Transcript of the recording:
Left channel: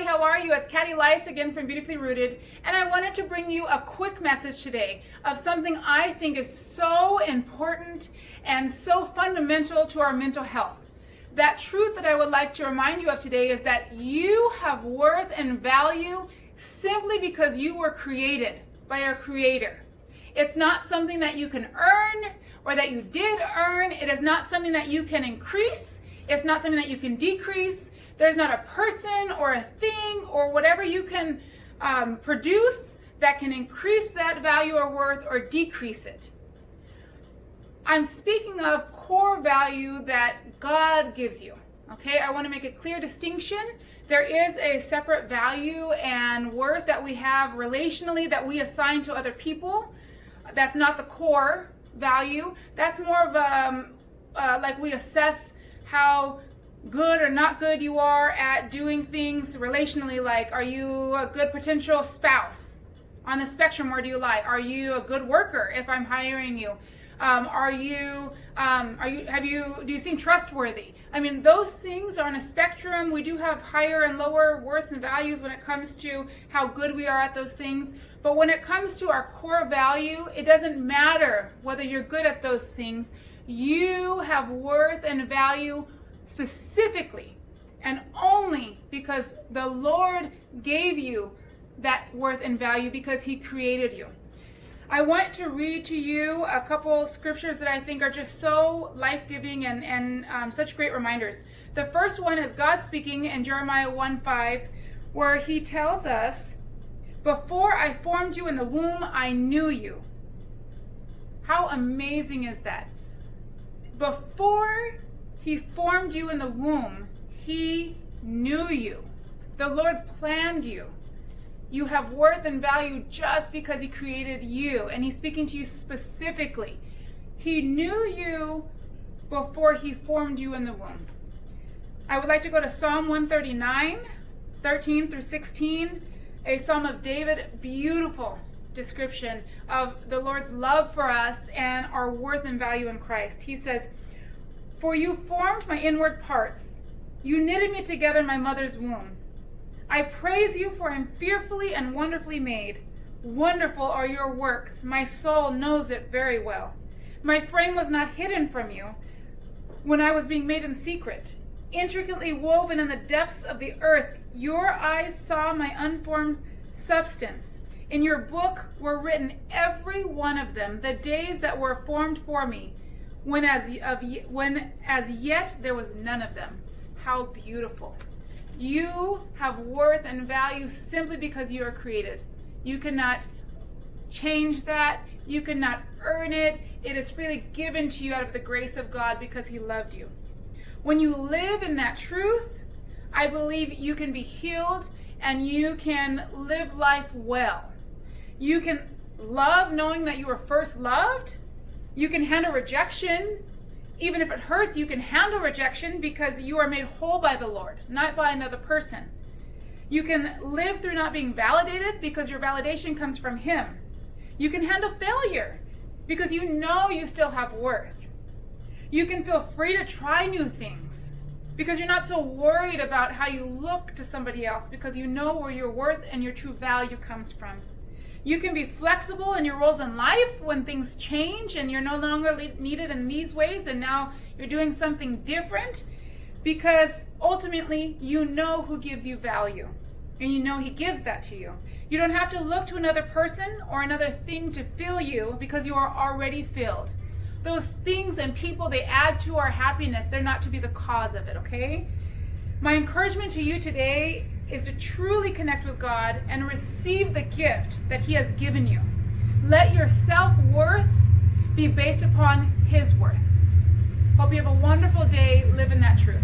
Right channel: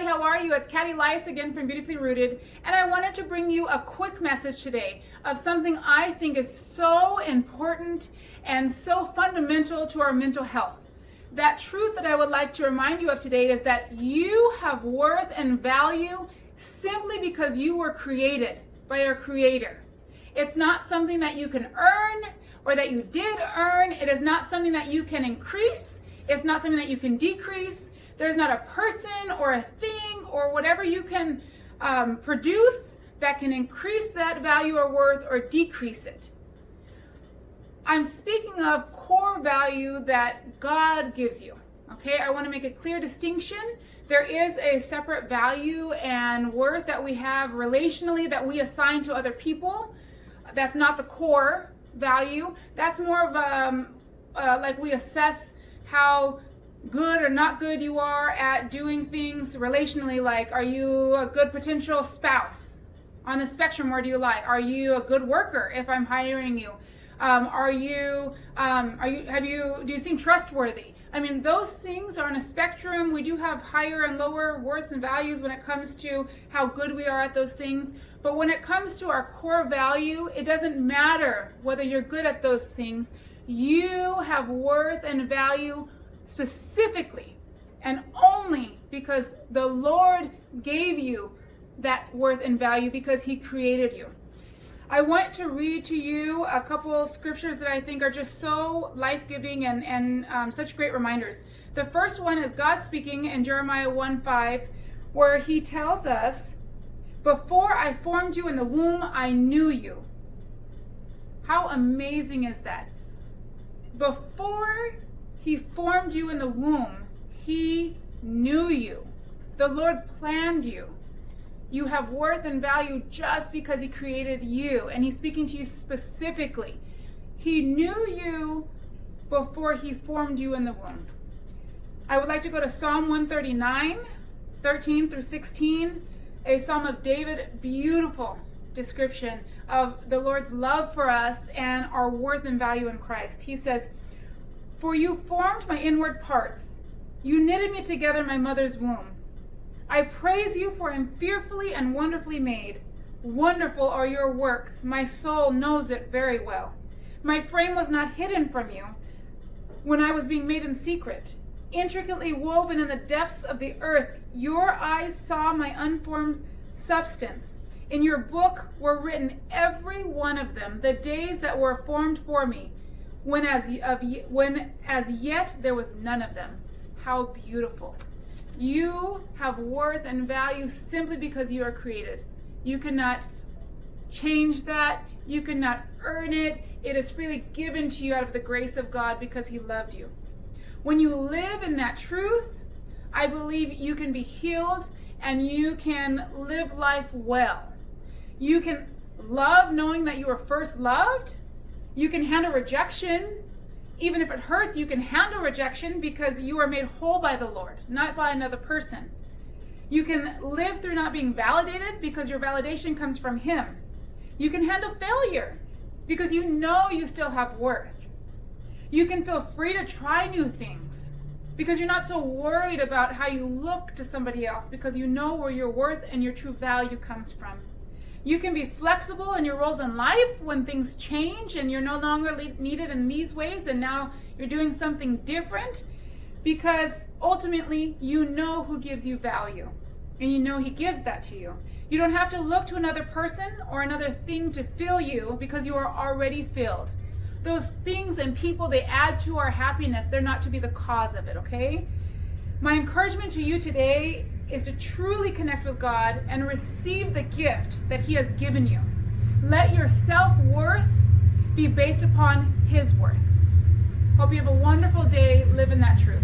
everybody, how are you? It's Katty Lice again from Beautifully Rooted, and I wanted to bring you a quick message today of something I think is so important and so fundamental to our mental health. That truth that I would like to remind you of today is that you have worth and value simply because you were created by your Creator. It's not something that you can earn or that you did earn. It is not something that you can increase. It's not something that you can decrease. There's not a person or a thing or whatever you can produce that can increase that value or worth or decrease it. I'm speaking of core value that God gives you. Okay, I want to make a clear distinction. There is a separate value and worth that we have relationally that we assign to other people. That's not the core value. That's more of like we assess how good or not good you are at doing things relationally. Like, are you a good potential spouse? On the spectrum, where do you lie? Are you a good worker if I'm hiring you? Do you seem trustworthy? I mean, those things are on a spectrum. We do have higher and lower worths and values when it comes to how good we are at those things. But when it comes to our core value, it doesn't matter whether you're good at those things. You have worth and value specifically and only because the Lord gave you that worth and value because He created you. I want to read to you a couple scriptures that I think are just so life-giving and such great reminders. The first one is God speaking in Jeremiah 1:5, where He tells us, "Before I formed you in the womb, I knew you." How amazing is that? Before He formed you in the womb, He knew you. The Lord planned you. You have worth and value just because He created you, and He's speaking to you specifically. He knew you before He formed you in the womb. I would like to go to Psalm 139, 13 through 16, a Psalm of David, beautiful description of the Lord's love for us and our worth and value in Christ. He says, "For you formed my inward parts. You knitted me together in my mother's womb. I praise you, for I am fearfully and wonderfully made. Wonderful are your works. My soul knows it very well. My frame was not hidden from you when I was being made in secret. Intricately woven in the depths of the earth, your eyes saw my unformed substance. In your book were written, every one of them, the days that were formed for me, when as yet there was none of them." How beautiful. You have worth and value simply because you are created. You cannot change that. You cannot earn it. It is freely given to you out of the grace of God because He loved you. When you live in that truth, I believe you can be healed and you can live life well. You can love knowing that you were first loved. You can handle rejection. Even if it hurts, you can handle rejection because you are made whole by the Lord, not by another person. You can live through not being validated because your validation comes from Him. You can handle failure because you know you still have worth. You can feel free to try new things because you're not so worried about how you look to somebody else because you know where your worth and your true value comes from. You can be flexible in your roles in life when things change and you're no longer needed in these ways and now you're doing something different because ultimately you know who gives you value and you know He gives that to you. You don't have to look to another person or another thing to fill you because you are already filled. Those things and people, they add to our happiness. They're not to be the cause of it, okay? My encouragement to you today is to truly connect with God and receive the gift that He has given you. Let your self-worth be based upon His worth. Hope you have a wonderful day. Live in that truth.